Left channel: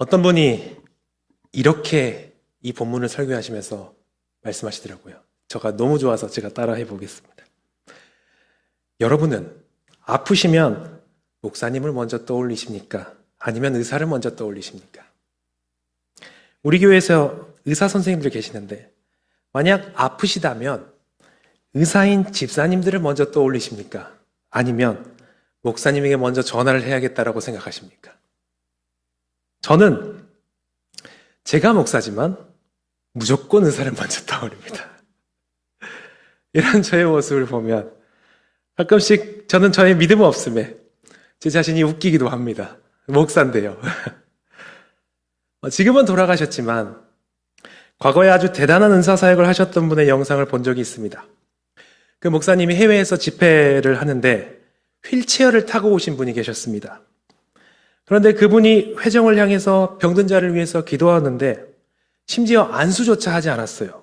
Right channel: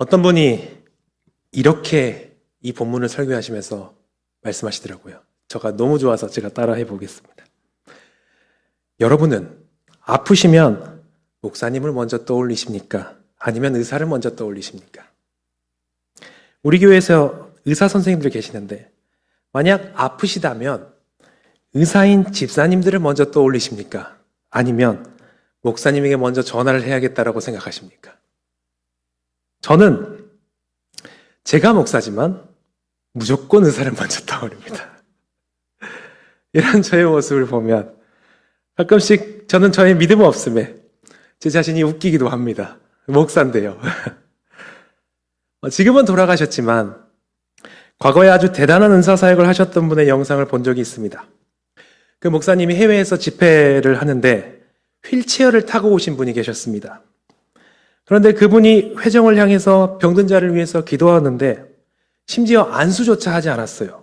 어떤 분이 이렇게 이 본문을 설교하시면서 말씀하시더라고요. 저가 너무 좋아서 제가 따라해 보겠습니다. 여러분은 아프시면 목사님을 먼저 떠올리십니까? 아니면 의사를 먼저 떠올리십니까? 우리 교회에서 의사 선생님들 계시는데 만약 아프시다면 의사인 집사님들을 먼저 떠올리십니까? 아니면 목사님에게 먼저 전화를 해야겠다라고 생각하십니까? 저는 제가 목사지만 무조건 의사를 먼저 떠올립니다. 이런 저의 모습을 보면 가끔씩 저는 저의 믿음 없음에 제 자신이 웃기기도 합니다. 목사인데요. 지금은 돌아가셨지만 과거에 아주 대단한 은사사역을 하셨던 분의 영상을 본 적이 있습니다. 그 목사님이 해외에서 집회를 하는데 휠체어를 타고 오신 분이 계셨습니다. 그런데 그분이 회정을 향해서 병든 자를 위해서 기도하는데 심지어 안수조차 하지 않았어요.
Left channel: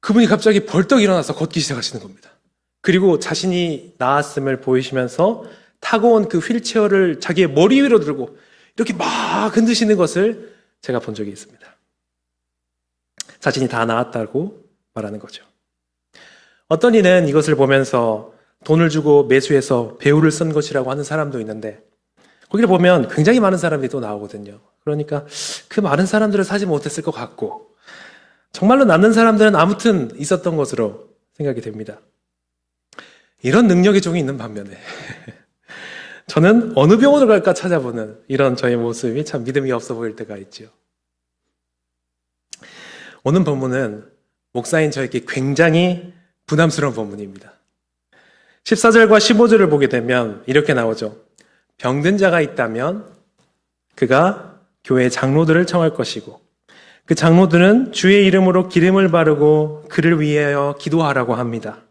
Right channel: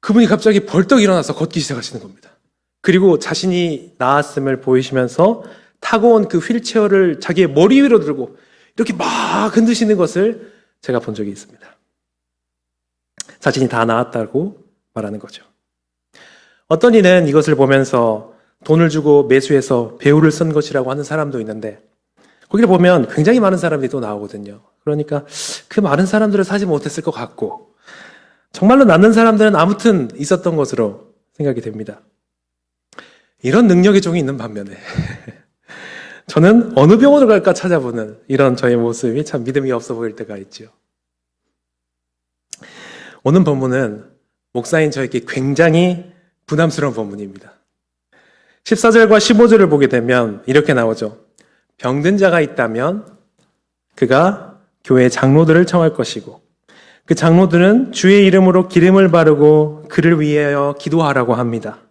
그분이 갑자기 벌떡 일어나서 걷기 시작하시는 겁니다. 그리고 자신이 나았음을 보이시면서 타고 온 그 휠체어를 자기의 머리 위로 들고 이렇게 막 흔드시는 것을 제가 본 적이 있습니다. 자신이 다 나았다고 말하는 거죠. 어떤 이는 이것을 보면서 돈을 주고 매수해서 배우를 쓴 것이라고 하는 사람도 있는데 거기를 보면 굉장히 많은 사람들이 또 나오거든요. 그러니까 그 많은 사람들을 사지 못했을 것 같고 정말로 낫는 사람들은 아무튼 있었던 것으로 생각이 됩니다. 이런 능력의 종이 있는 반면에 저는 어느 병원을 갈까 찾아보는 이런 저의 모습이 참 믿음이 없어 보일 때가 있죠. 오늘 본문은 목사인 저에게 굉장히 부담스러운 본문입니다. 14절과 15절을 보게 되면 이렇게 나오죠. 병든 자가 있다면 그가 교회 장로들을 청할 것이고 그 장로들은 주의 이름으로 기름을 바르고 그를 위하여 기도하라고 합니다.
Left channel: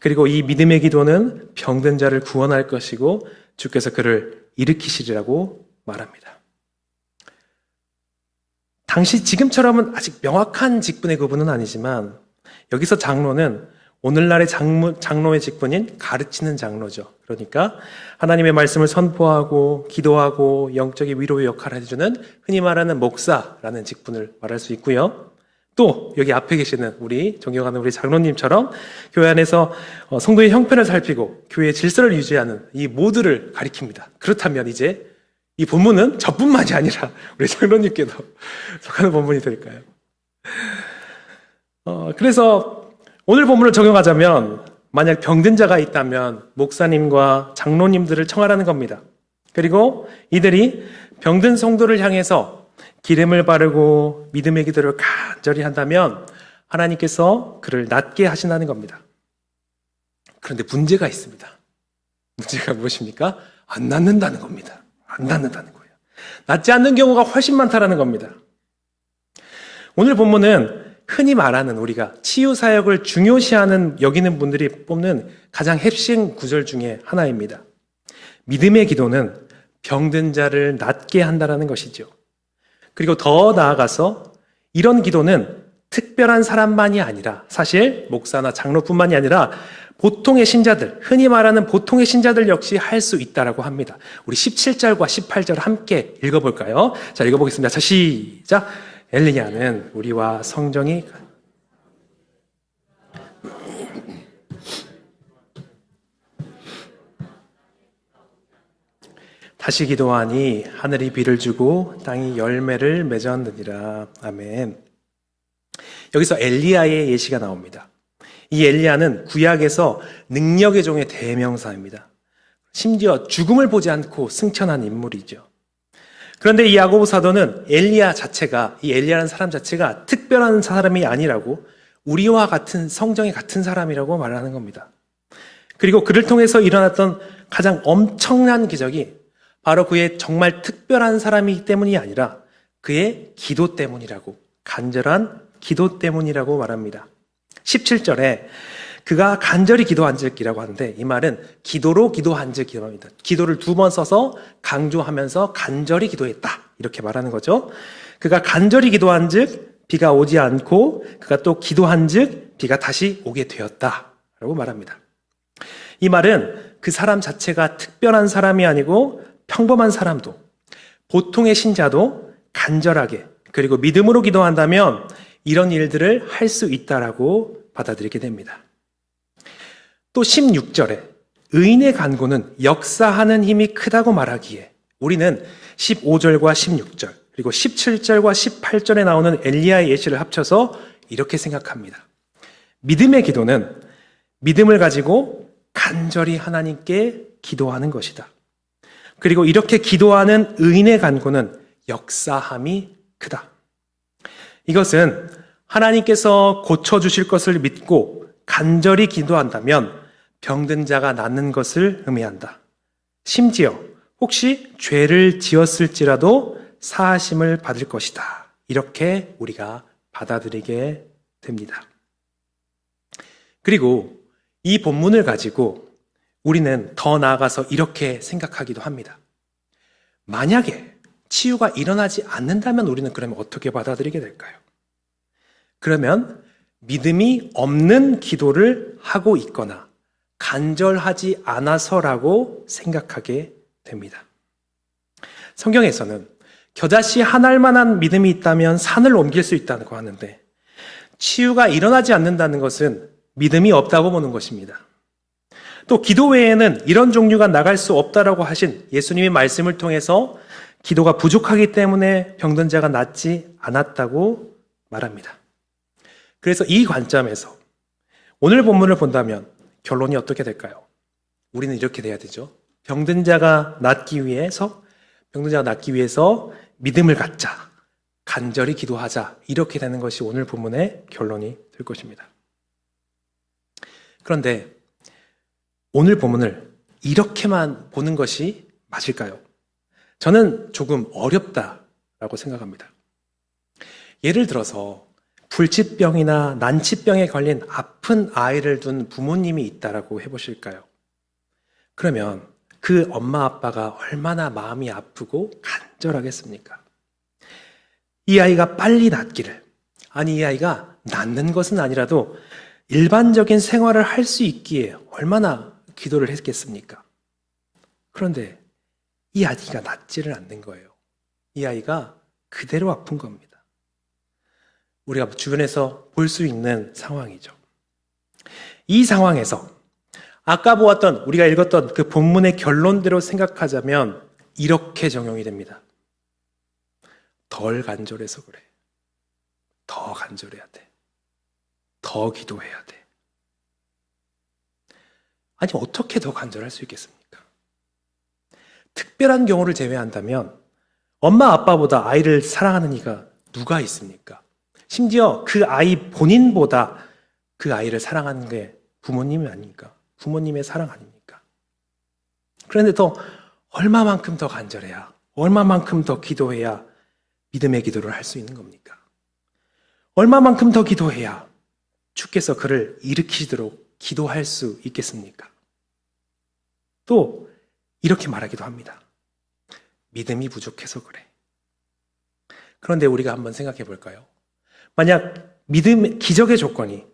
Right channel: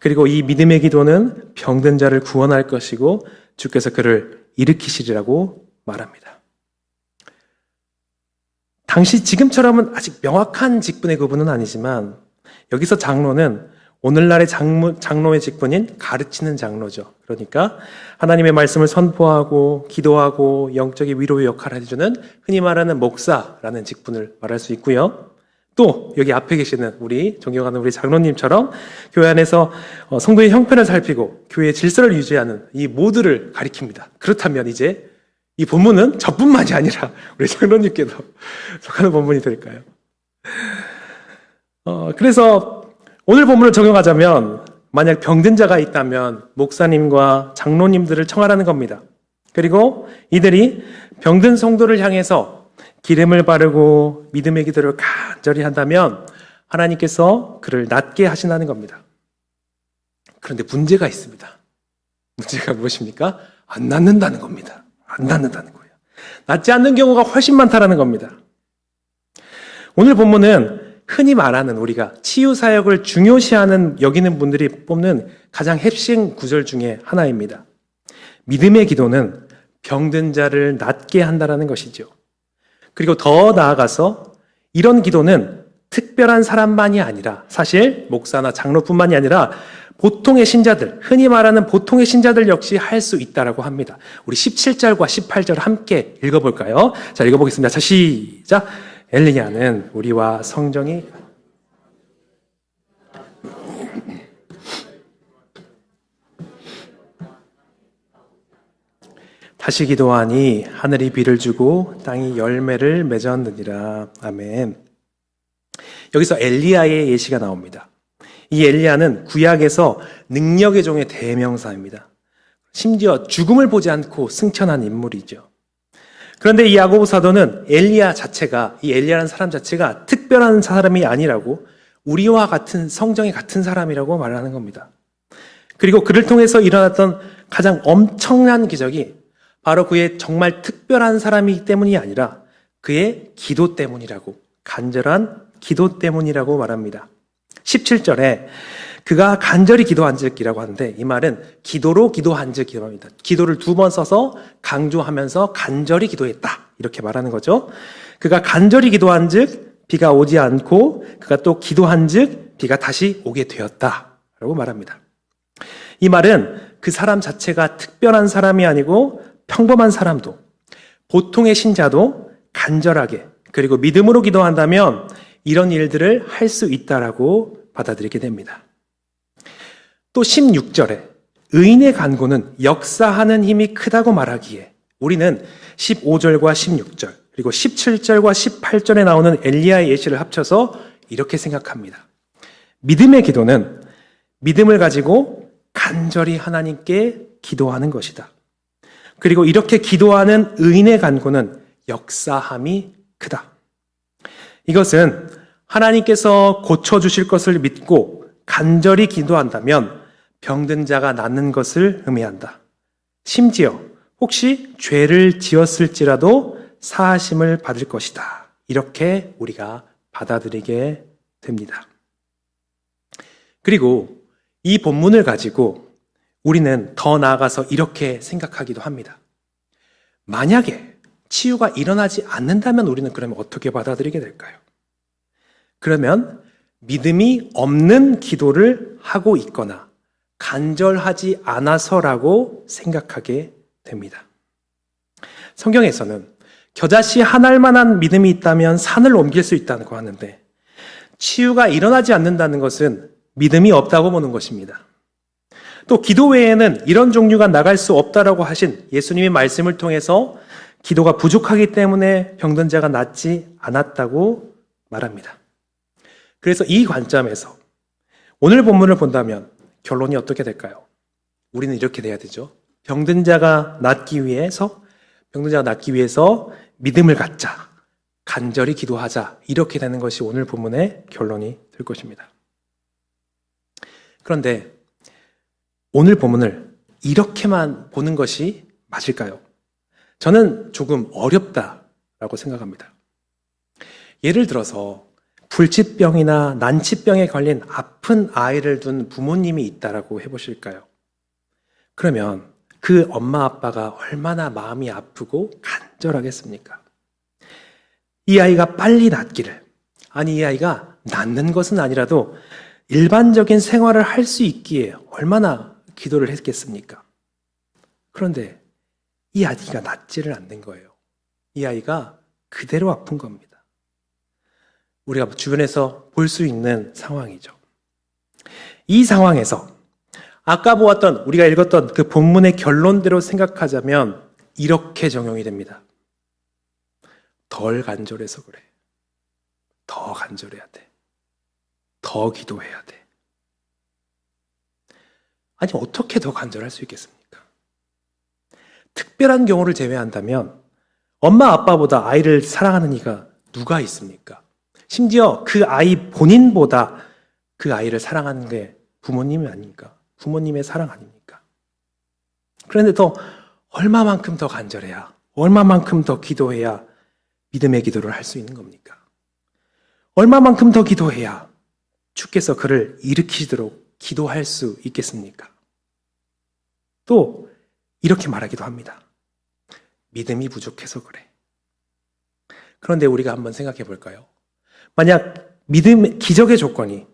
그리고 이 믿음의 기도는 병든 자를 구원할 것이고 주께서 그를 일으키시리라고 말합니다. 당시 지금처럼은 아직 명확한 직분의 구분은 아니지만 여기서 장로는 오늘날의 장로의 직분인 가르치는 장로죠. 그러니까 하나님의 말씀을 선포하고 기도하고 영적인 위로의 역할을 해주는 흔히 말하는 목사라는 직분을 말할 수 있고요. 또 여기 앞에 계시는 우리 존경하는 우리 장로님처럼 교회 안에서 성도의 형편을 살피고 교회의 질서를 유지하는 이 모두를 가리킵니다. 그렇다면 이제 이 본문은 저뿐만이 아니라 우리 장로님께도 속하는 본문이 될까요? 그래서 오늘 본문을 적용하자면 만약 병든 자가 있다면 목사님과 장로님들을 청하라는 겁니다. 그리고 이들이 병든 성도를 향해서 기름을 바르고 믿음의 기도를 간절히 한다면 하나님께서 그를 낫게 하신다는 겁니다. 그런데 문제가 있습니다. 문제가 무엇입니까? 안 낫는다는 겁니다. 안 낫는다는 거예요. 낫지 않는 경우가 훨씬 많다라는 겁니다. 오늘 본문은 흔히 말하는 우리가 치유사역을 중요시하는 여기는 분들이 뽑는 가장 핵심 구절 중에 하나입니다. 믿음의 기도는 병든 자를 낫게 한다는 것이죠. 그리고 더 나아가서 이런 기도는 특별한 사람만이 아니라 사실 목사나 장로뿐만이 아니라 보통의 신자들, 흔히 말하는 보통의 신자들 역시 할 수 있다라고 합니다. 우리 17절과 18절 함께 읽어볼까요? 자, 읽어보겠습니다. 자, 시작! 엘리야는 우리와 성정이 다시 기도하니 하늘이 비를 주고 땅이 열매를 맺었느니라. 아멘. 여기서 엘리야의 예시가 나옵니다. 이 엘리야는 구약에서 능력의 종의 대명사입니다. 심지어 죽음을 보지 않고 승천한 인물이죠. 그런데 이 야고보 사도는 엘리야 자체가, 이 엘리야라는 사람 자체가 특별한 사람이 아니라고 우리와 같은 성정이 같은 사람이라고 말하는 겁니다. 그리고 그를 통해서 일어났던 가장 엄청난 기적이 바로 그의 정말 특별한 사람이기 때문이 아니라 그의 기도 때문이라고, 간절한 기도 때문이라고 말합니다. 17절에 그가 간절히 기도한즉이라고 하는데 이 말은 기도로 기도한즉이랍니다. 기도를 2번 써서 강조하면서 간절히 기도했다 이렇게 말하는 거죠. 그가 간절히 기도한즉 비가 오지 않고 그가 또 기도한즉 비가 다시 오게 되었다라고 말합니다. 이 말은 그 사람 자체가 특별한 사람이 아니고 평범한 사람도, 보통의 신자도 간절하게 그리고 믿음으로 기도한다면 이런 일들을 할 수 있다라고 받아들이게 됩니다. 또 16절에 의인의 간구는 역사하는 힘이 크다고 말하기에 우리는 15절과 16절 그리고 17절과 18절에 나오는 엘리야의 예시를 합쳐서 이렇게 생각합니다. 믿음의 기도는 믿음을 가지고 간절히 하나님께 기도하는 것이다. 그리고 이렇게 기도하는 의인의 간구는 역사함이 크다. 이것은 하나님께서 고쳐주실 것을 믿고 간절히 기도한다면 병든 자가 낫는 것을 의미한다. 심지어 혹시 죄를 지었을지라도 사하심을 받을 것이다. 이렇게 우리가 받아들이게 됩니다. 그리고 이 본문을 가지고 우리는 더 나아가서 이렇게 생각하기도 합니다. 만약에 치유가 일어나지 않는다면 우리는 그러면 어떻게 받아들이게 될까요? 그러면 믿음이 없는 기도를 하고 있거나 간절하지 않아서라고 생각하게 됩니다. 성경에서는 겨자씨 한 알만한 믿음이 있다면 산을 옮길 수 있다고 하는데 치유가 일어나지 않는다는 것은 믿음이 없다고 보는 것입니다. 또 기도 외에는 이런 종류가 나갈 수 없다라고 하신 예수님의 말씀을 통해서 기도가 부족하기 때문에 병든 자가 낫지 않았다고 말합니다. 그래서 이 관점에서 오늘 본문을 본다면 결론이 어떻게 될까요? 우리는 이렇게 돼야 되죠. 병든 자가 낫기 위해서 믿음을 갖자, 간절히 기도하자, 이렇게 되는 것이 오늘 본문의 결론이 될 것입니다. 그런데 오늘 본문을 이렇게만 보는 것이 맞을까요? 저는 조금 어렵다라고 생각합니다. 예를 들어서 불치병이나 난치병에 걸린 아픈 아이를 둔 부모님이 있다라고 해보실까요? 그러면 그 엄마 아빠가 얼마나 마음이 아프고 간절하겠습니까? 이 아이가 빨리 낫기를, 아니 이 아이가 낫는 것은 아니라도 일반적인 생활을 할 수 있기에 얼마나 기도를 했겠습니까? 그런데 이 아이가 낫지를 않는 거예요. 이 아이가 그대로 아픈 겁니다. 우리가 주변에서 볼 수 있는 상황이죠. 이 상황에서 아까 보았던, 우리가 읽었던 그 본문의 결론대로 생각하자면 이렇게 적용이 됩니다. 덜 간절해서 그래. 더 간절해야 돼. 더 기도해야 돼. 아니, 어떻게 더 간절할 수 있겠습니까? 특별한 경우를 제외한다면 엄마 아빠보다 아이를 사랑하는 이가 누가 있습니까? 심지어 그 아이 본인보다 그 아이를 사랑하는 게 부모님이 아닙니까? 부모님의 사랑 아닙니까? 그런데 또 얼마만큼 더 간절해야, 얼마만큼 더 기도해야 믿음의 기도를 할 수 있는 겁니까? 얼마만큼 더 기도해야 주께서 그를 일으키도록 기도할 수 있겠습니까? 또 이렇게 말하기도 합니다. 믿음이 부족해서 그래. 그런데 우리가 한번 생각해 볼까요? 만약 기적의 조건이,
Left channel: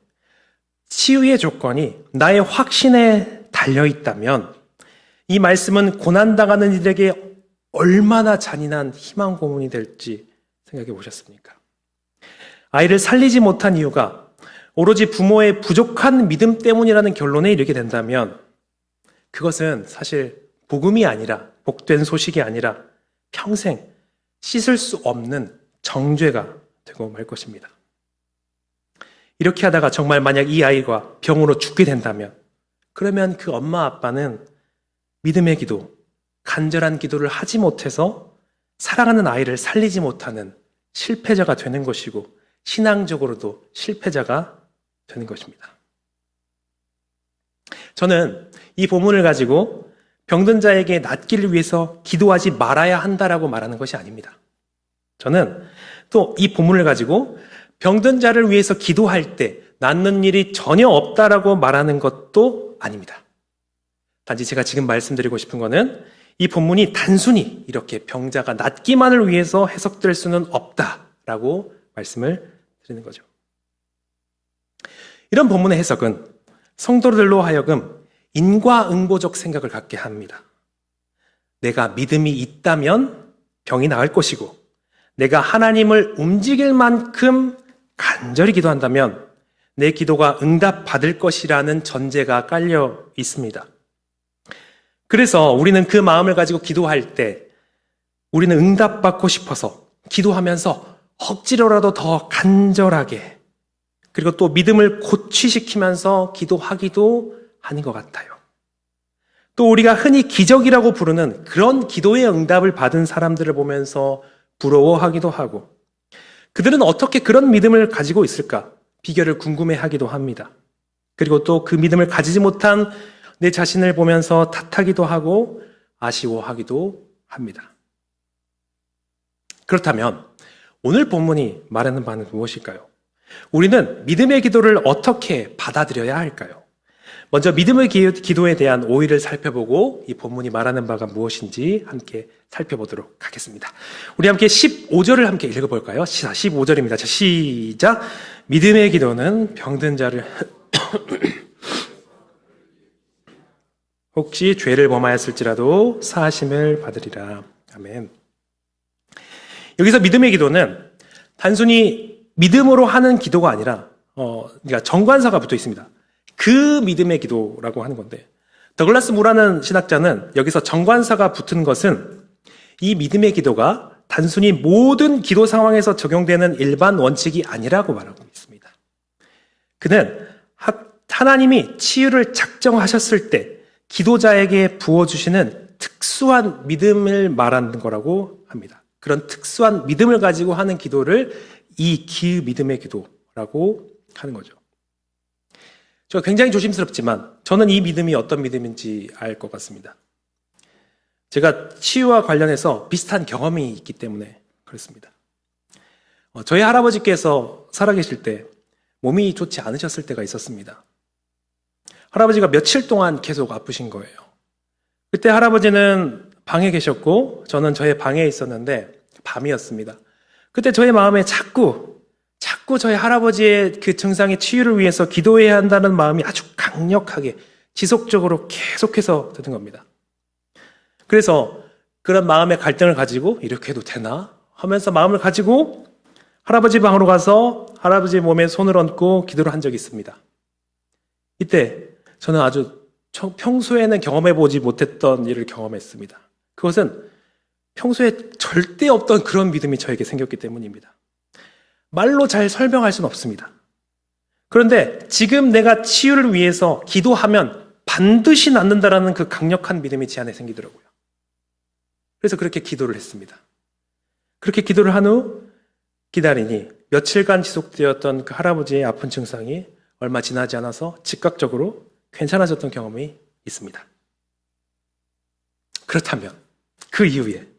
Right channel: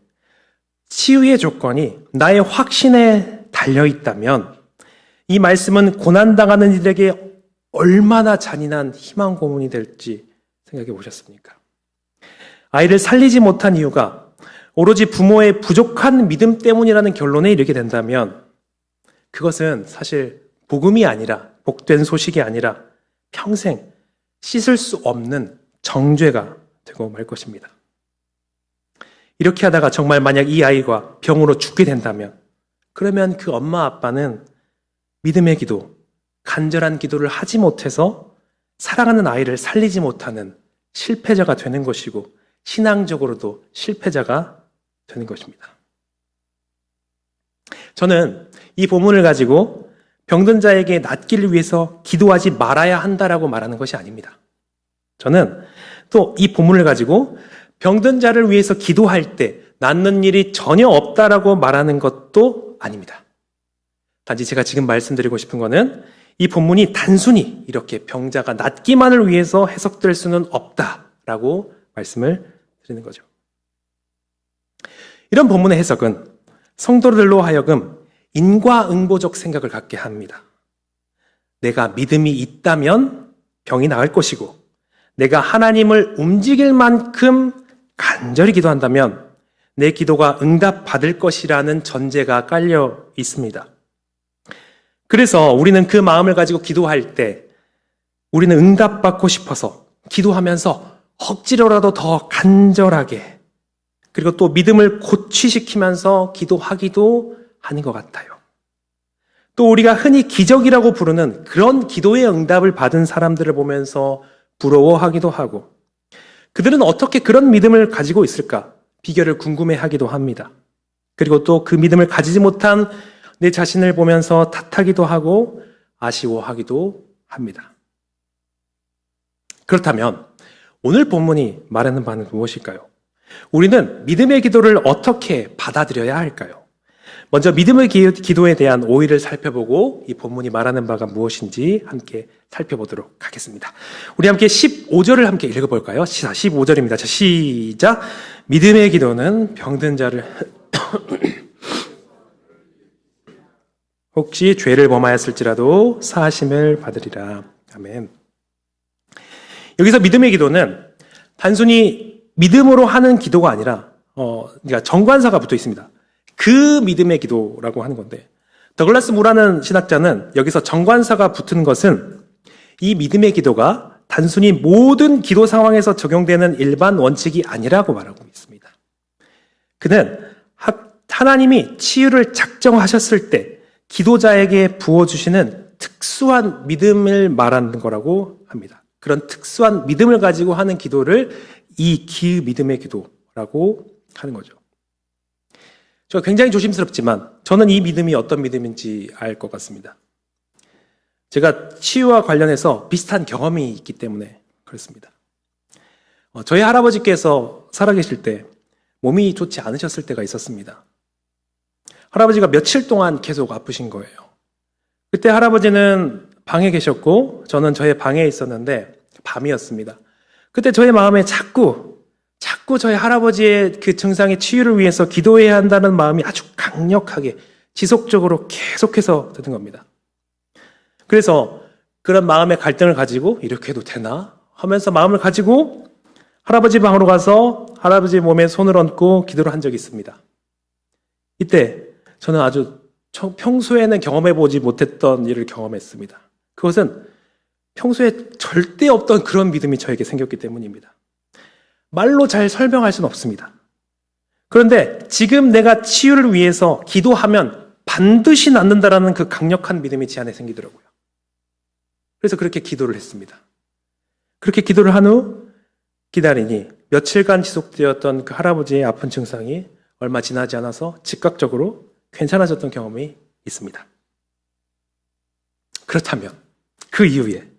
치유의 조건이 나의 확신에 달려있다면 이 말씀은 고난당하는 이들에게 얼마나 잔인한 희망 고문이 될지 생각해 보셨습니까? 아이를 살리지 못한 이유가 오로지 부모의 부족한 믿음 때문이라는 결론에 이르게 된다면 그것은 사실 복음이 아니라, 복된 소식이 아니라 평생 씻을 수 없는 정죄가 되고 말 것입니다. 이렇게 하다가 정말 만약 이 아이가 병으로 죽게 된다면 그러면 그 엄마 아빠는 믿음의 기도, 간절한 기도를 하지 못해서 사랑하는 아이를 살리지 못하는 실패자가 되는 것이고 신앙적으로도 실패자가 되는 것입니다. 저는 이 본문을 가지고 병든 자에게 낫기를 위해서 기도하지 말아야 한다라고 말하는 것이 아닙니다. 저는 또 이 본문을 가지고 병든 자를 위해서 기도할 때 낫는 일이 전혀 없다라고 말하는 것도 아닙니다. 단지 제가 지금 말씀드리고 싶은 것은 이 본문이 단순히 이렇게 병자가 낫기만을 위해서 해석될 수는 없다라고 말씀을 드리는 거죠. 이런 본문의 해석은 성도들로 하여금 인과응보적 생각을 갖게 합니다. 내가 믿음이 있다면 병이 나을 것이고 내가 하나님을 움직일 만큼 간절히 기도한다면 내 기도가 응답받을 것이라는 전제가 깔려 있습니다. 그래서 우리는 그 마음을 가지고 기도할 때 우리는 응답받고 싶어서 기도하면서 억지로라도 더 간절하게 그리고 또 믿음을 고취시키면서 기도하기도 하는 것 같아요. 또 우리가 흔히 기적이라고 부르는 그런 기도의 응답을 받은 사람들을 보면서 부러워하기도 하고 그들은 어떻게 그런 믿음을 가지고 있을까? 비결을 궁금해하기도 합니다. 그리고 또 그 믿음을 가지지 못한 내 자신을 보면서 탓하기도 하고 아쉬워하기도 합니다. 그렇다면 오늘 본문이 말하는 바는 무엇일까요? 우리는 믿음의 기도를 어떻게 받아들여야 할까요? 먼저 믿음의 기도에 대한 오해를 살펴보고 이 본문이 말하는 바가 무엇인지 함께 살펴보도록 하겠습니다. 우리 함께 15절을 함께 읽어볼까요? 15절입니다. 자, 시작! 믿음의 기도는 병든 자를 혹시 죄를 범하였을지라도 사하심을 받으리라. 아멘. 여기서 믿음의 기도는 단순히 믿음으로 하는 기도가 아니라 그러니까 정관사가 붙어 있습니다. 그 믿음의 기도라고 하는 건데 더글라스 무라는 신학자는 여기서 정관사가 붙은 것은 이 믿음의 기도가 단순히 모든 기도 상황에서 적용되는 일반 원칙이 아니라고 말하고 있습니다. 그는 하나님이 치유를 작정하셨을 때 기도자에게 부어주시는 특수한 믿음을 말하는 거라고 합니다. 그런 특수한 믿음을 가지고 하는 기도를 이 믿음의 기도라고 하는 거죠. 저 굉장히 조심스럽지만 저는 이 믿음이 어떤 믿음인지 알 것 같습니다. 제가 치유와 관련해서 비슷한 경험이 있기 때문에 그렇습니다. 저희 할아버지께서 살아계실 때 몸이 좋지 않으셨을 때가 있었습니다. 할아버지가 며칠 동안 계속 아프신 거예요. 그때 할아버지는 방에 계셨고 저는 저의 방에 있었는데 밤이었습니다. 그때 저의 마음에 자꾸 저희 할아버지의 그 증상의 치유를 위해서 기도해야 한다는 마음이 아주 강력하게 지속적으로 계속해서 드는 겁니다. 그래서 그런 마음의 갈등을 가지고 이렇게 해도 되나 하면서 마음을 가지고 할아버지 방으로 가서 할아버지 몸에 손을 얹고 기도를 한 적이 있습니다. 이때 저는 아주 평소에는 경험해보지 못했던 일을 경험했습니다. 그것은 평소에 절대 없던 그런 믿음이 저에게 생겼기 때문입니다. 말로 잘 설명할 수는 없습니다. 그런데 지금 내가 치유를 위해서 기도하면 반드시 낫는다라는 그 강력한 믿음이 제 안에 생기더라고요. 그래서 그렇게 기도를 했습니다. 그렇게 기도를 한 후 기다리니 며칠간 지속되었던 그 할아버지의 아픈 증상이 얼마 지나지 않아서 즉각적으로 괜찮아졌던 경험이 있습니다. 그렇다면 그 이후에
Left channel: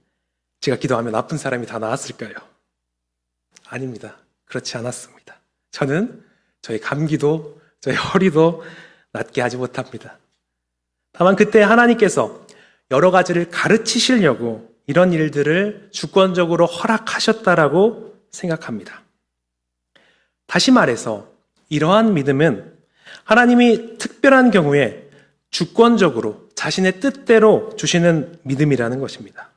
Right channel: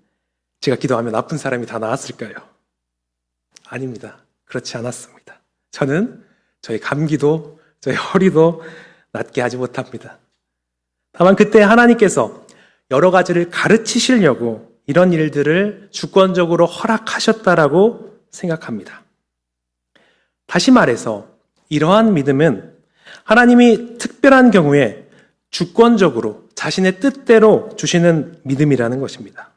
제가 기도하면 아픈 사람이 다 나았을까요? 아닙니다. 그렇지 않았습니다. 저는 저희 감기도 저희 허리도 낫게 하지 못합니다. 다만 그때 하나님께서 여러 가지를 가르치시려고 이런 일들을 주권적으로 허락하셨다라고 생각합니다. 다시 말해서 이러한 믿음은 하나님이 특별한 경우에 주권적으로 자신의 뜻대로 주시는 믿음이라는 것입니다.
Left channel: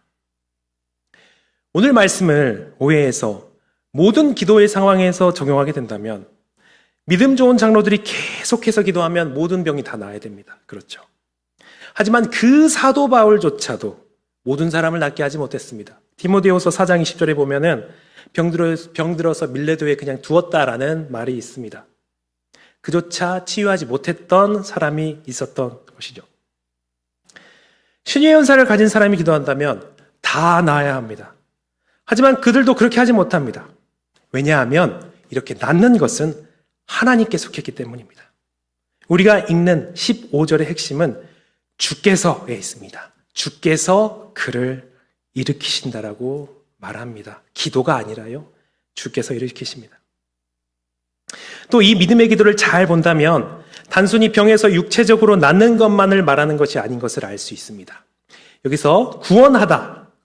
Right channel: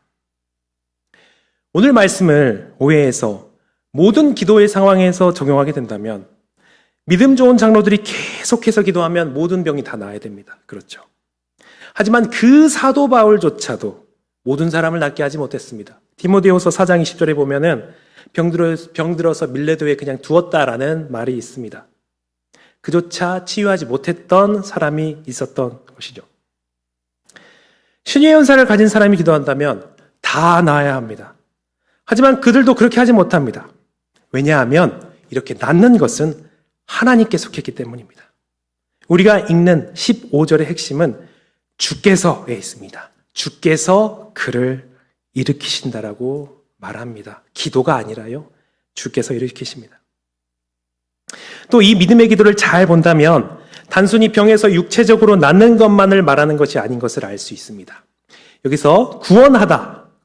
오늘 말씀을 오해해서 모든 기도의 상황에서 적용하게 된다면 믿음 좋은 장로들이 계속해서 기도하면 모든 병이 다 나아야 됩니다. 그렇죠. 하지만 그 사도 바울조차도 모든 사람을 낫게 하지 못했습니다. 디모데후서 4장 20절에 보면은 병들어서 밀레도에 그냥 두었다라는 말이 있습니다. 그조차 치유하지 못했던 사람이 있었던 것이죠. 신유의 은사를 가진 사람이 기도한다면 다 나아야 합니다. 하지만 그들도 그렇게 하지 못합니다. 왜냐하면 이렇게 낫는 것은 하나님께 속했기 때문입니다. 우리가 읽는 15절의 핵심은 주께서에 있습니다. 주께서 그를 일으키신다라고 말합니다. 기도가 아니라요. 주께서 일으키십니다. 또 이 믿음의 기도를 잘 본다면 단순히 병에서 육체적으로 낫는 것만을 말하는 것이 아닌 것을 알 수 있습니다. 여기서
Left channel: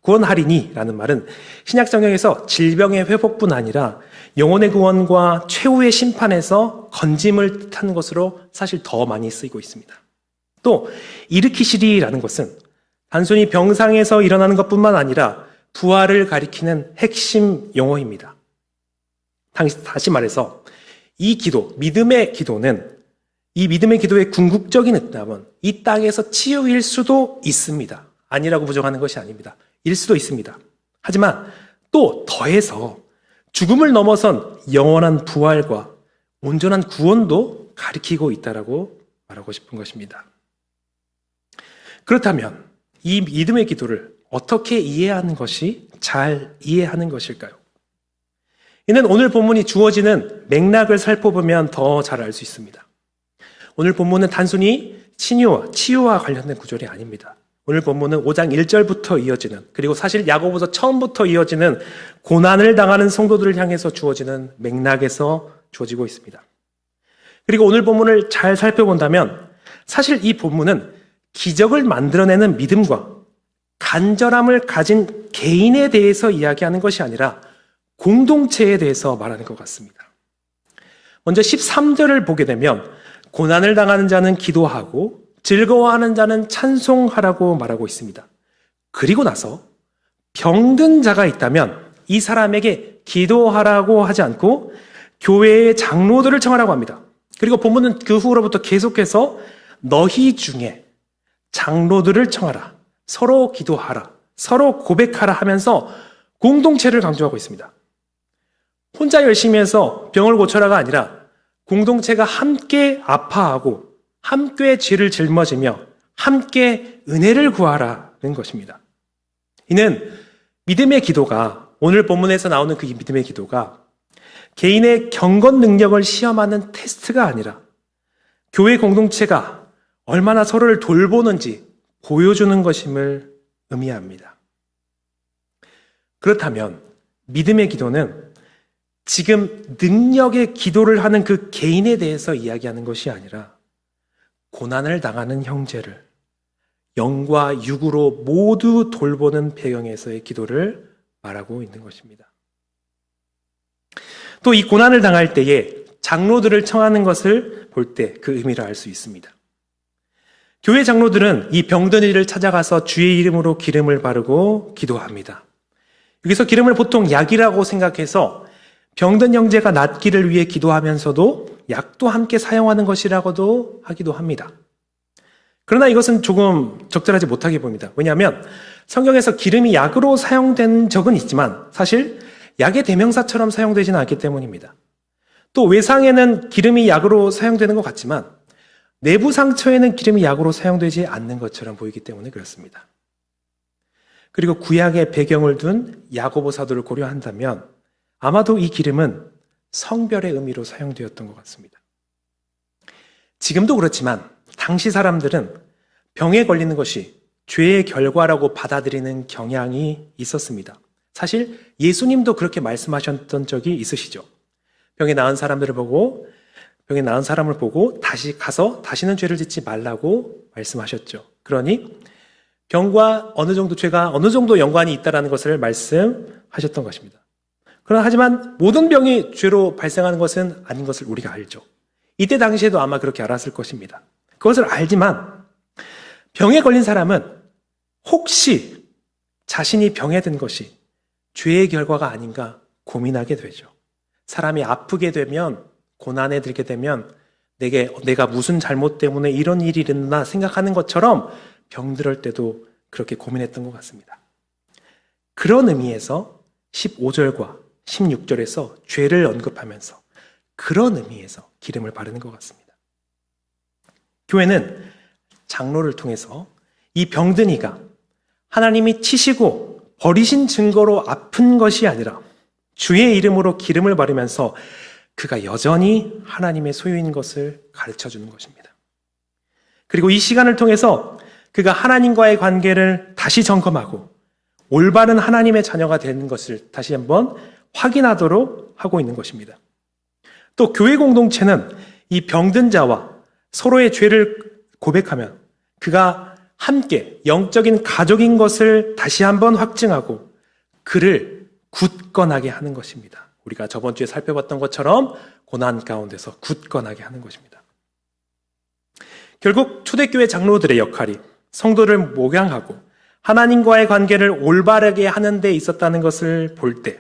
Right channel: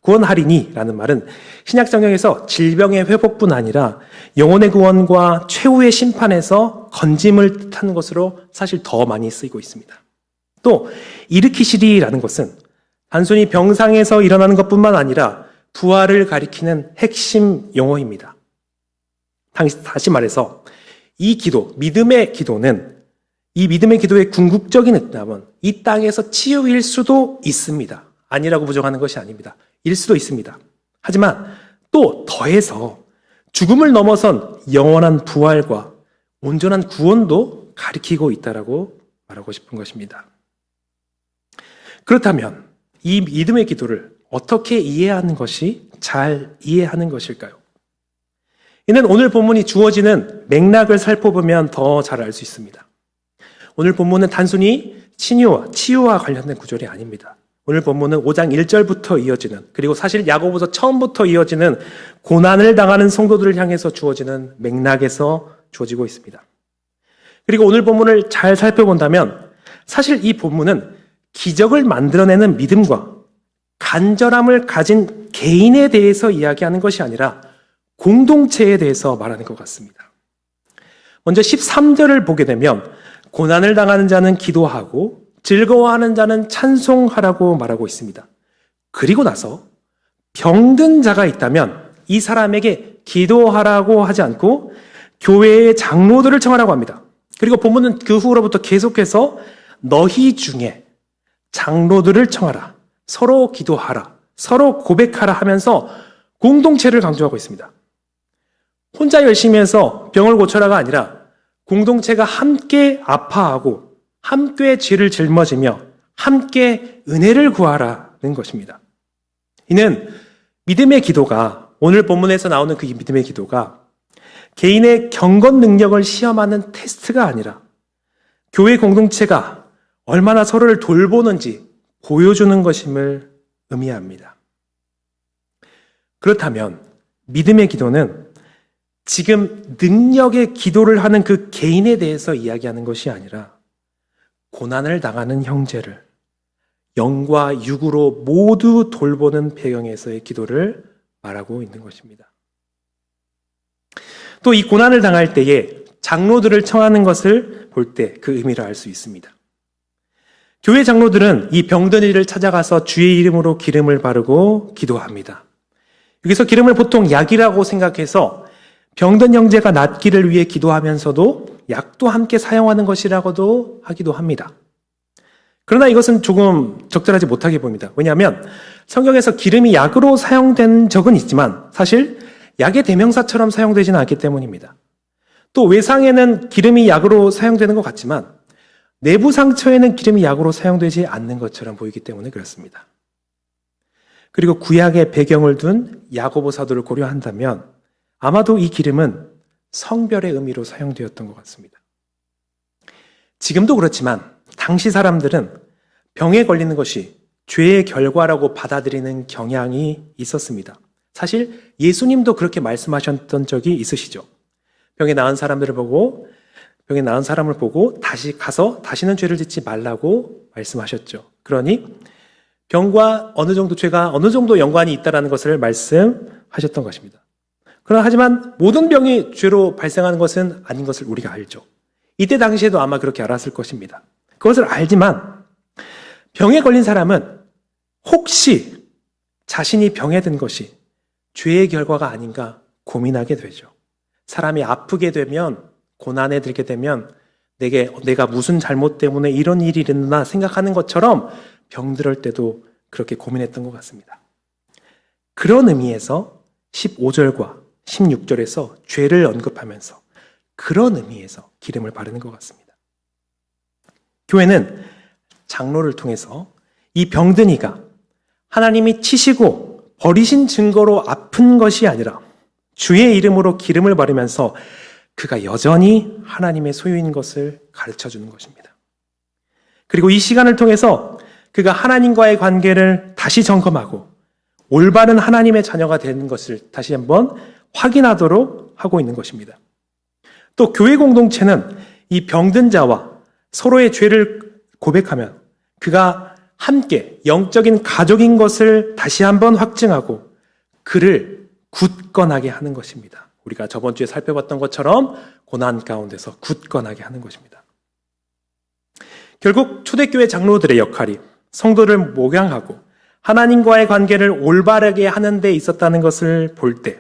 구원하리니 라는 말은 신약성경에서 질병의 회복뿐 아니라 영혼의 구원과 최후의 심판에서 건짐을 뜻하는 것으로 사실 더 많이 쓰이고 있습니다. 또 일으키시리라는 것은 단순히 병상에서 일어나는 것뿐만 아니라 부활을 가리키는 핵심 용어입니다. 다시 말해서 이 기도, 믿음의 기도는 이 믿음의 기도의 궁극적인 응답은 이 땅에서 치유일 수도 있습니다. 아니라고 부정하는 것이 아닙니다. 일 수도 있습니다. 하지만 또 더해서 죽음을 넘어선 영원한 부활과 온전한 구원도 가리키고 있다라고 말하고 싶은 것입니다. 그렇다면 이 믿음의 기도를 어떻게 이해하는 것이 잘 이해하는 것일까요? 이는 오늘 본문이 주어지는 맥락을 살펴보면 더 잘 알 수 있습니다. 오늘 본문은 단순히 치유와 관련된 구절이 아닙니다. 오늘 본문은 5장 1절부터 이어지는, 그리고 사실 야고보서 처음부터 이어지는 고난을 당하는 성도들을 향해서 주어지는 맥락에서 주어지고 있습니다. 그리고 오늘 본문을 잘 살펴본다면 사실 이 본문은 기적을 만들어내는 믿음과 간절함을 가진 개인에 대해서 이야기하는 것이 아니라 공동체에 대해서 말하는 것 같습니다. 먼저 13절을 보게 되면 고난을 당하는 자는 기도하고 즐거워하는 자는 찬송하라고 말하고 있습니다. 그리고 나서 병든 자가 있다면 이 사람에게 기도하라고 하지 않고 교회의 장로들을 청하라고 합니다. 그리고 본문은 그 후로부터 계속해서 너희 중에 장로들을 청하라, 서로 기도하라, 서로 고백하라 하면서 공동체를 강조하고 있습니다. 혼자 열심히 해서 병을 고쳐라가 아니라 공동체가 함께 아파하고 함께 죄를 짊어지며 함께 은혜를 구하라는 것입니다. 이는 믿음의 기도가, 오늘 본문에서 나오는 그 믿음의 기도가 개인의 경건 능력을 시험하는 테스트가 아니라 교회 공동체가 얼마나 서로를 돌보는지 보여주는 것임을 의미합니다. 그렇다면 믿음의 기도는 지금 능력의 기도를 하는 그 개인에 대해서 이야기하는 것이 아니라 고난을 당하는 형제를 영과 육으로 모두 돌보는 배경에서의 기도를 말하고 있는 것입니다. 또 이 고난을 당할 때에 장로들을 청하는 것을 볼 때 그 의미를 알 수 있습니다. 교회 장로들은 이 병든 이를 찾아가서 주의 이름으로 기름을 바르고 기도합니다. 여기서 기름을 보통 약이라고 생각해서 병든 형제가 낫기를 위해 기도하면서도 약도 함께 사용하는 것이라고도 하기도 합니다. 그러나 이것은 조금 적절하지 못하게 보입니다. 왜냐하면 성경에서 기름이 약으로 사용된 적은 있지만 사실 약의 대명사처럼 사용되지는 않기 때문입니다. 또 외상에는 기름이 약으로 사용되는 것 같지만 내부 상처에는 기름이 약으로 사용되지 않는 것처럼 보이기 때문에 그렇습니다. 그리고 구약의 배경을 둔 야고보 사도를 고려한다면 아마도 이 기름은 성별의 의미로 사용되었던 것 같습니다. 지금도 그렇지만 당시 사람들은 병에 걸리는 것이 죄의 결과라고 받아들이는 경향이 있었습니다. 사실 예수님도 그렇게 말씀하셨던 적이 있으시죠. 병에 나은 사람을 보고 다시 가서 다시는 죄를 짓지 말라고 말씀하셨죠. 그러니 병과 죄가 어느 정도 연관이 있다는 것을 말씀하셨던 것입니다. 그러나 하지만 모든 병이 죄로 발생하는 것은 아닌 것을 우리가 알죠. 이때 당시에도 아마 그렇게 알았을 것입니다. 그것을 알지만 병에 걸린 사람은 혹시 자신이 병에 든 것이 죄의 결과가 아닌가 고민하게 되죠. 사람이 아프게 되면, 고난에 들게 되면 내가 무슨 잘못 때문에 이런 일이 일어나 생각하는 것처럼 병들을 때도 그렇게 고민했던 것 같습니다. 그런 의미에서 15절과 16절에서 죄를 언급하면서 그런 의미에서 기름을 바르는 것 같습니다. 교회는 장로를 통해서 이 병든 이가 하나님이 치시고 버리신 증거로 아픈 것이 아니라 주의 이름으로 기름을 바르면서 그가 여전히 하나님의 소유인 것을 가르쳐주는 것입니다. 그리고 이 시간을 통해서 그가 하나님과의 관계를 다시 점검하고 올바른 하나님의 자녀가 되는 것을 다시 한번 확인하도록 하고 있는 것입니다. 또 교회 공동체는 이 병든 자와 서로의 죄를 고백하며 그가 함께 영적인 가족인 것을 다시 한번 확증하고 그를 굳건하게 하는 것입니다. 우리가 저번 주에 살펴봤던 것처럼 고난 가운데서 굳건하게 하는 것입니다. 결국 초대교회 장로들의 역할이 성도를 목양하고 하나님과의 관계를 올바르게 하는 데 있었다는 것을 볼 때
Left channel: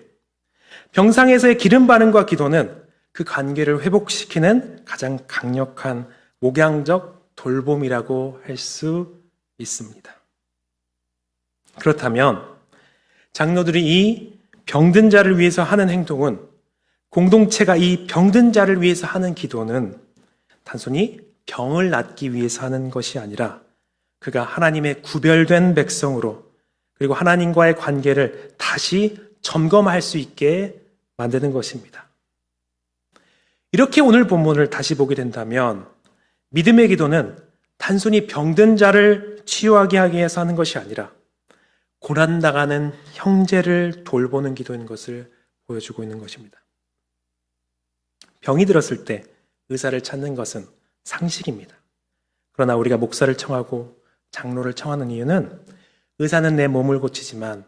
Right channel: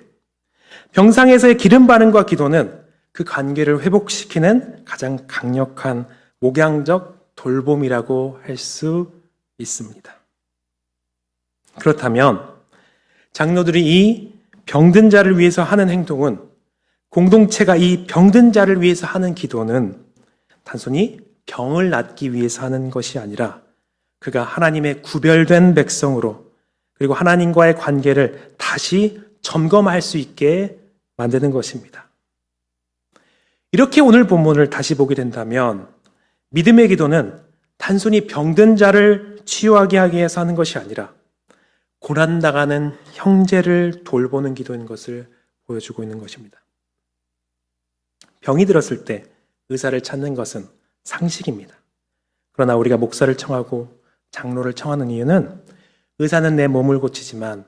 병상에서의 기름 바른과 기도는 그 관계를 회복시키는 가장 강력한 목양적 돌봄이라고 할 수 있습니다. 그렇다면 장로들이 이 병든 자를 위해서 하는 행동은, 공동체가 이 병든 자를 위해서 하는 기도는 단순히 병을 낫기 위해서 하는 것이 아니라 그가 하나님의 구별된 백성으로, 그리고 하나님과의 관계를 다시 점검할 수 있게 만드는 것입니다. 이렇게 오늘 본문을 다시 보게 된다면 믿음의 기도는 단순히 병든 자를 치유하게 하기 위해서 하는 것이 아니라 고난당하는 형제를 돌보는 기도인 것을 보여주고 있는 것입니다. 병이 들었을 때 의사를 찾는 것은 상식입니다. 그러나 우리가 목사를 청하고 장로를 청하는 이유는 의사는 내 몸을 고치지만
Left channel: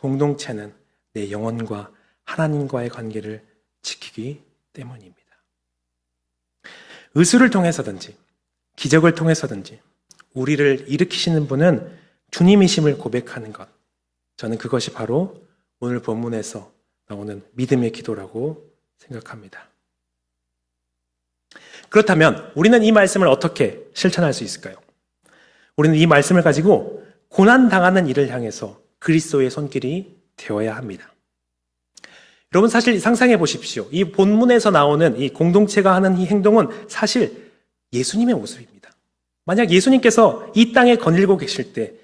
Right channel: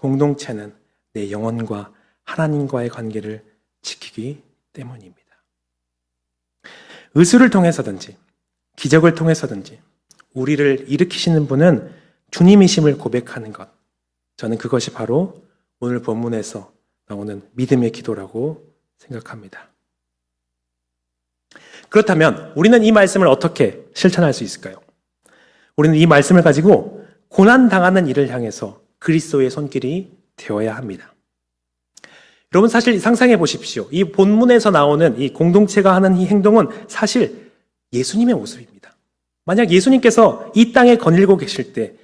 공동체는 내 영혼과 하나님과의 관계를 지키기 때문입니다. 의술을 통해서든지 기적을 통해서든지 우리를 일으키시는 분은 주님이심을 고백하는 것, 저는 그것이 바로 오늘 본문에서 나오는 믿음의 기도라고 생각합니다. 그렇다면 우리는 이 말씀을 어떻게 실천할 수 있을까요? 우리는 이 말씀을 가지고 고난당하는 이를 향해서 그리스도의 손길이 되어야 합니다. 여러분, 사실 상상해 보십시오. 이 본문에서 나오는 이 공동체가 하는 이 행동은 사실 예수님의 모습입니다. 만약 예수님께서 이 땅에 거닐고 계실 때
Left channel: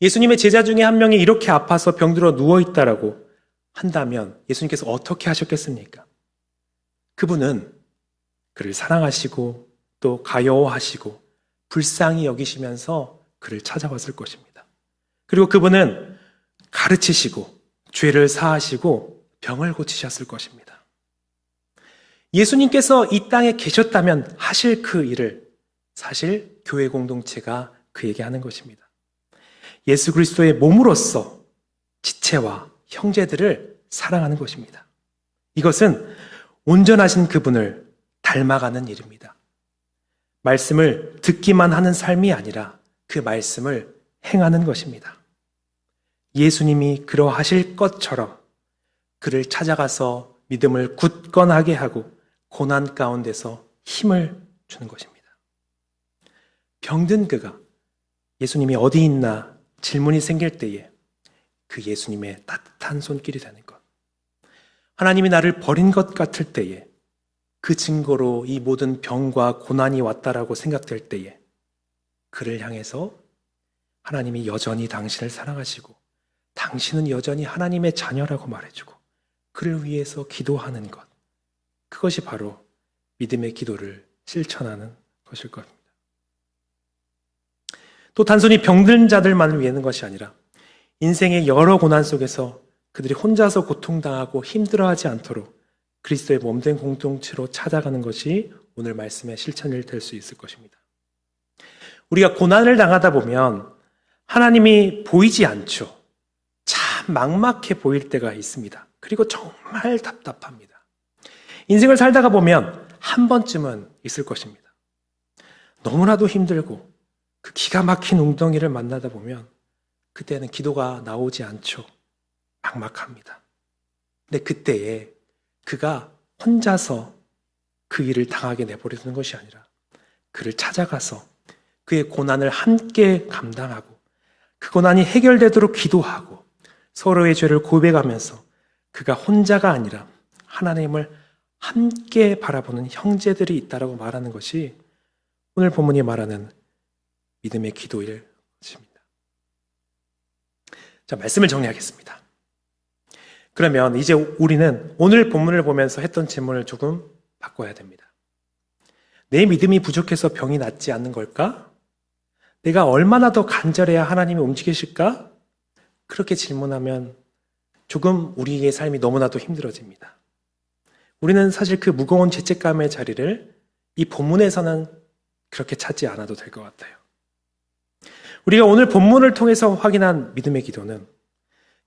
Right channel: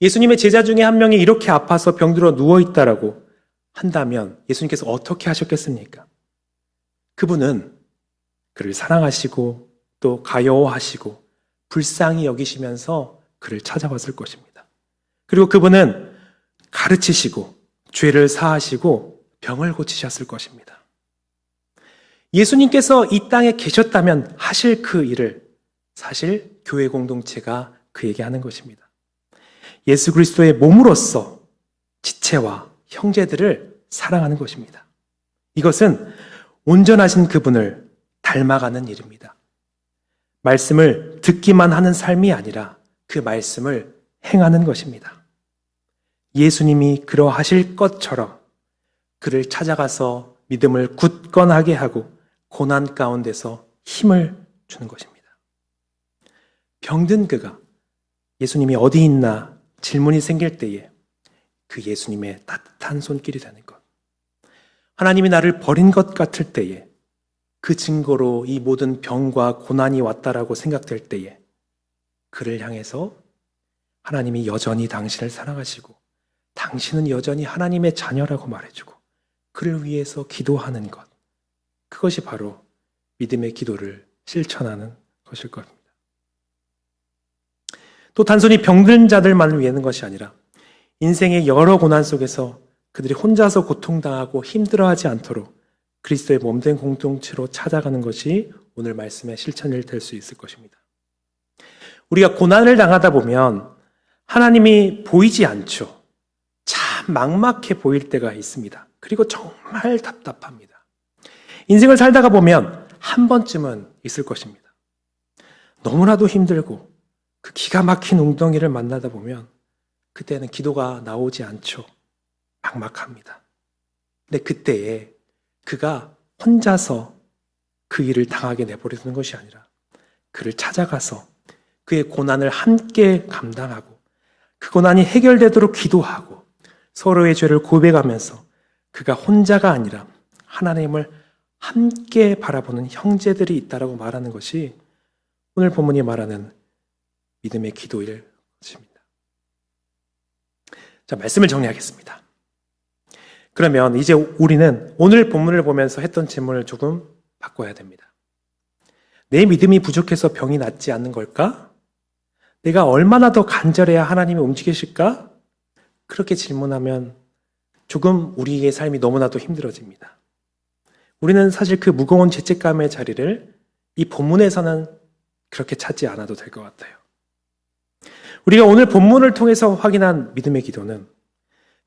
예수님의 제자 중에 한 명이 이렇게 아파서 병들어 누워있다라고 한다면 예수님께서 어떻게 하셨겠습니까? 그분은 그를 사랑하시고 또 가여워하시고 불쌍히 여기시면서 그를 찾아왔을 것입니다. 그리고 그분은 가르치시고 죄를 사하시고 병을 고치셨을 것입니다. 예수님께서 이 땅에 계셨다면 하실 그 일을 사실 교회 공동체가 그에게 하는 것입니다. 예수 그리스도의 몸으로서 지체와 형제들을 사랑하는 것입니다. 이것은 온전하신 그분을 닮아가는 일입니다. 말씀을 듣기만 하는 삶이 아니라 그 말씀을 행하는 것입니다. 예수님이 그러하실 것처럼 그를 찾아가서 믿음을 굳건하게 하고 고난 가운데서 힘을 주는 것입니다. 병든 그가 예수님이 어디 있나 질문이 생길 때에 그 예수님의 따뜻한 손길이 되는 것, 하나님이 나를 버린 것 같을 때에 그 증거로 이 모든 병과 고난이 왔다라고 생각될 때에 그를 향해서 하나님이 여전히 당신을 사랑하시고 당신은 여전히 하나님의 자녀라고 말해주고 그를 위해서 기도하는 것, 그것이 바로 믿음의 기도를 실천하는 것일 겁니다. 또 단순히 병든 자들만을 위하는 것이 아니라 인생의 여러 고난 속에서 그들이 혼자서 고통당하고 힘들어하지 않도록 그리스도의 몸된 공동체로 찾아가는 것이 오늘 말씀의 실천이 될 수 있을 것입니다. 우리가 고난을 당하다 보면 하나님이 보이지 않죠. 참 막막해 보일 때가 있습니다. 그리고 정말 답답합니다. 인생을 살다가 보면 한 번쯤은 있을 것입니다. 너무나도 힘들고 그 기가 막힌 웅덩이를 만나다 보면 그때는 기도가 나오지 않죠. 막막합니다. 근데 그때에 그가 혼자서 그 일을 당하게 내버려두는 것이 아니라 그를 찾아가서 그의 고난을 함께 감당하고 그 고난이 해결되도록 기도하고 서로의 죄를 고백하면서 그가 혼자가 아니라 하나님을 함께 바라보는 형제들이 있다라고 말하는 것이 오늘 본문이 말하는 믿음의 기도일 것입니다. 자, 말씀을 정리하겠습니다. 그러면 이제 우리는 오늘 본문을 보면서 했던 질문을 조금 바꿔야 됩니다. 내 믿음이 부족해서 병이 낫지 않는 걸까? 내가 얼마나 더 간절해야 하나님이 움직이실까? 그렇게 질문하면 조금 우리의 삶이 너무나도 힘들어집니다. 우리는 사실 그 무거운 죄책감의 자리를 이 본문에서는 그렇게 찾지 않아도 될 것 같아요. 우리가 오늘 본문을 통해서 확인한 믿음의 기도는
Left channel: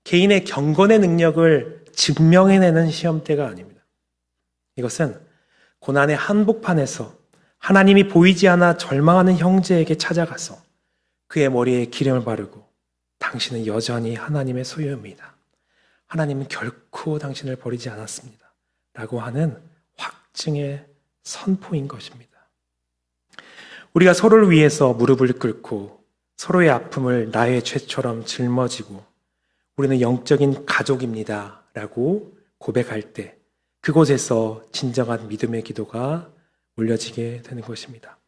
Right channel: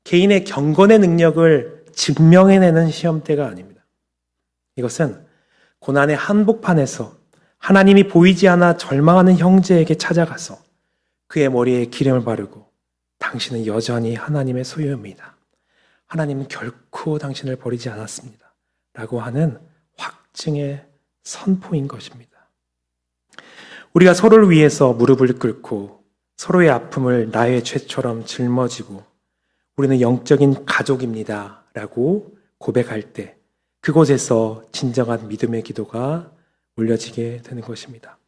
개인의 경건의 능력을 증명해내는 시험대가 아닙니다. 이것은 고난의 한복판에서 하나님이 보이지 않아 절망하는 형제에게 찾아가서 그의 머리에 기름을 바르고 당신은 여전히 하나님의 소유입니다. 하나님은 결코 당신을 버리지 않았습니다. 라고 하는 확증의 선포인 것입니다. 우리가 서로를 위해서 무릎을 꿇고 서로의 아픔을 나의 죄처럼 짊어지고 우리는 영적인 가족입니다. 라고 고백할 때 그곳에서 진정한 믿음의 기도가 올려지게 되는 것입니다.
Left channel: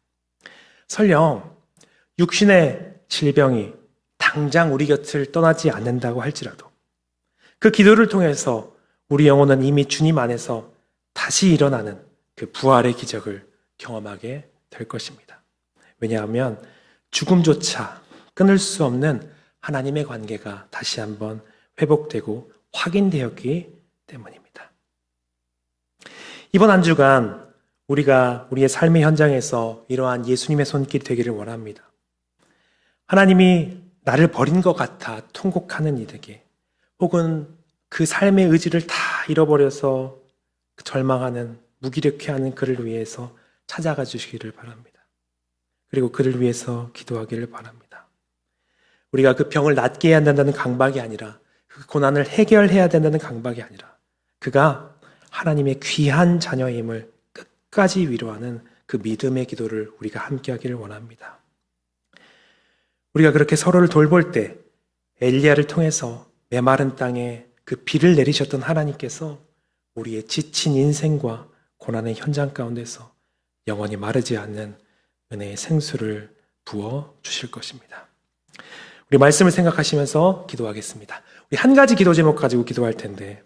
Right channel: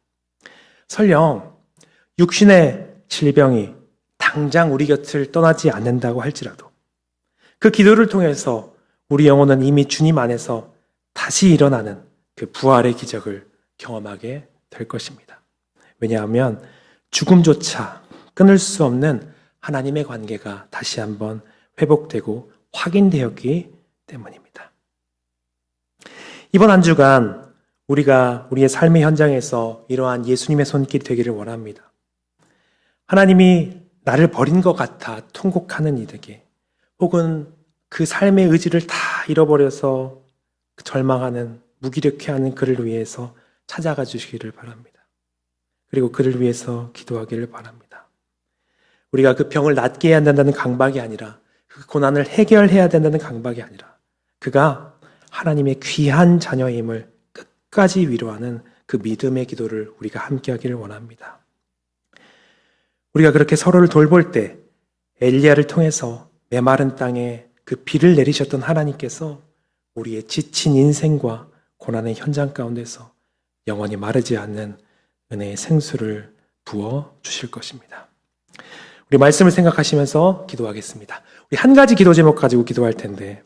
설령 육신의 질병이 당장 우리 곁을 떠나지 않는다고 할지라도 그 기도를 통해서 우리 영혼은 이미 주님 안에서 다시 일어나는 그 부활의 기적을 경험하게 될 것입니다. 왜냐하면 죽음조차 끊을 수 없는 하나님의 관계가 다시 한번 회복되고 확인되었기 때문입니다. 이번 한 주간 우리가 우리의 삶의 현장에서 이러한 예수님의 손길이 되기를 원합니다. 하나님이 나를 버린 것 같아 통곡하는 이들에게 혹은 그 삶의 의지를 다 잃어버려서 절망하는 무기력해하는 그를 위해서 찾아가 주시기를 바랍니다. 그리고 그를 위해서 기도하기를 바랍니다. 우리가 그 병을 낫게 해야 된다는 강박이 아니라 그 고난을 해결해야 된다는 강박이 아니라 그가 하나님의 귀한 자녀임을 끝까지 위로하는 그 믿음의 기도를 우리가 함께 하기를 원합니다. 우리가 그렇게 서로를 돌볼 때 엘리야를 통해서 메마른 땅에 그 비를 내리셨던 하나님께서 우리의 지친 인생과 고난의 현장 가운데서 영원히 마르지 않는 은혜의 생수를 부어 주실 것입니다. 우리 말씀을 생각하시면서 기도하겠습니다. 우리 한 가지 기도 제목 가지고 기도할 텐데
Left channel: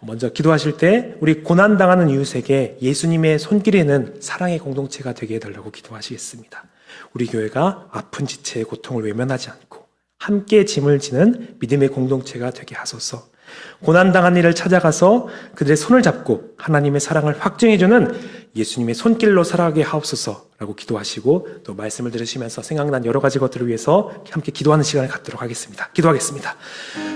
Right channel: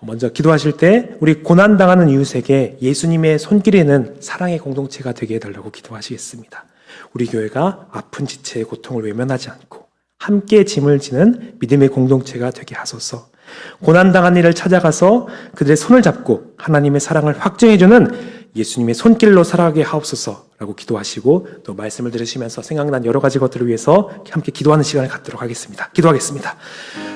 먼저 기도하실 때 우리 고난당하는 이웃에게 예수님의 손길이 있는 사랑의 공동체가 되게 해달라고 기도하시겠습니다. 우리 교회가 아픈 지체의 고통을 외면하지 않고 함께 짐을 지는 믿음의 공동체가 되게 하소서. 고난당한 이를 찾아가서 그들의 손을 잡고 하나님의 사랑을 확증해주는 예수님의 손길로 살아가게 하옵소서라고 기도하시고 또 말씀을 들으시면서 생각난 여러 가지 것들을 위해서 함께 기도하는 시간을 갖도록 하겠습니다. 기도하겠습니다.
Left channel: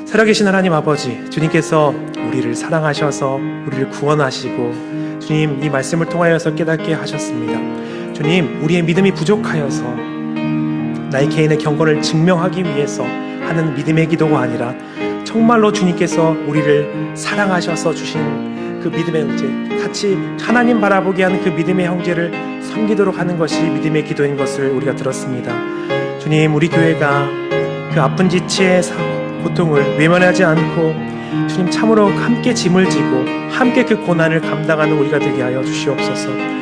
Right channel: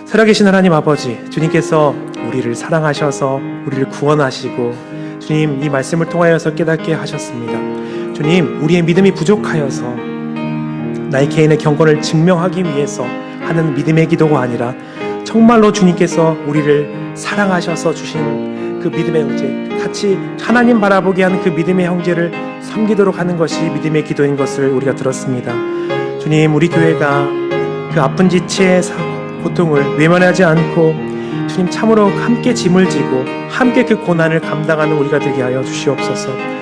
살아계신 하나님 아버지, 주님께서 우리를 사랑하셔서 우리를 구원하시고 주님 이 말씀을 통하여서 깨닫게 하셨습니다. 주님, 우리의 믿음이 부족하여서 나의 개인의 경건을 증명하기 위해서 하는 믿음의 기도가 아니라 정말로 주님께서 우리를 사랑하셔서 주신 그 믿음의 형제, 같이 하나님 바라보게 하는 그 믿음의 형제를 섬기도록 하는 것이 믿음의 기도인 것을 우리가 들었습니다. 주님, 우리 교회가 그 아픈 지체의 고통을 외면하지 않고 주님 참으로 함께 짐을 지고 함께 그 고난을 감당하는 우리가 되게 하여 주시옵소서.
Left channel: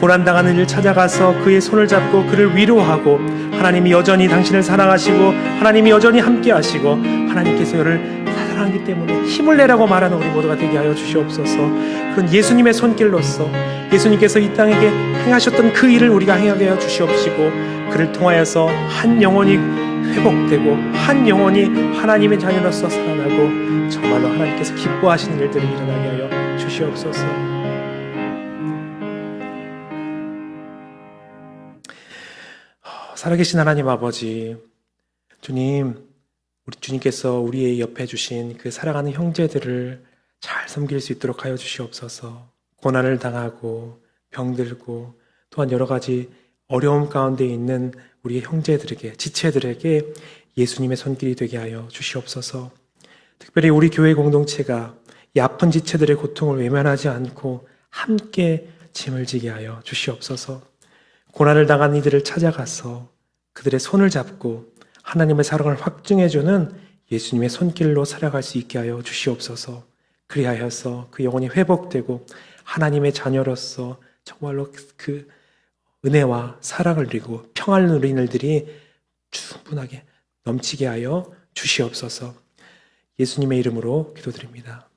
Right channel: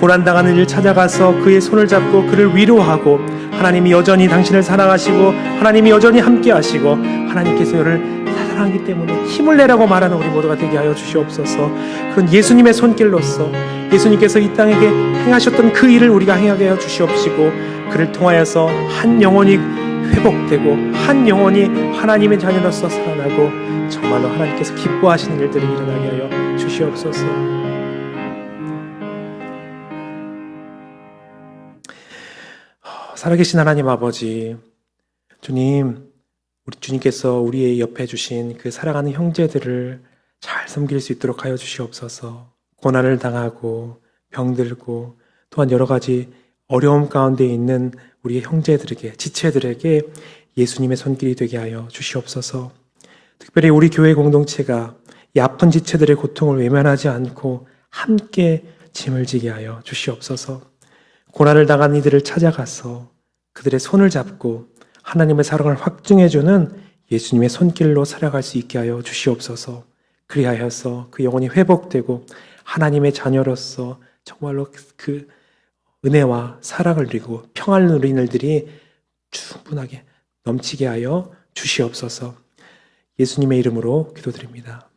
고난당하는 이를 찾아가서 그의 손을 잡고 그를 위로하고 하나님이 여전히 당신을 사랑하시고 하나님이 여전히 함께 하시고 하나님께서 너를 사랑하기 때문에 힘을 내라고 말하는 우리 모두가 되게 하여 주시옵소서. 그건 예수님의 손길로서 예수님께서 이 땅에게 행하셨던 그 일을 우리가 행하게 하여 주시옵시고 그를 통하여서 한 영혼이 회복되고 한 영혼이 하나님의 자녀로서 살아나고 정말로 하나님께서 기뻐하시는 일들을 일어나게 하여 주시옵소서. 살아계신 하나님 아버지, 주님, 우리 주님께서 우리의 옆에 주신 그 사랑하는 형제들을 잘 섬길 수 있도록 하여 주시옵소서. 고난을 당하고 병들고 또한 여러 가지 어려움 가운데 있는 우리의 형제들에게, 지체들에게 예수님의 손길이 되게 하여 주시옵소서. 특별히 우리 교회 공동체가 이 아픈 지체들의 고통을 외면하지 않고 함께 짐을 지게 하여 주시옵소서. 고난을 당한 이들을 찾아가서 그들의 손을 잡고 하나님의 사랑을 확증해주는 예수님의 손길로 살아갈 수 있게 하여 주시옵소서. 그리하여서 그 영혼이 회복되고 하나님의 자녀로서 정말로 그 은혜와 사랑을 누리고 평안을 누리는 일들이 충분하게 넘치게 하여 주시옵소서. 예수님의 이름으로 기도드립니다.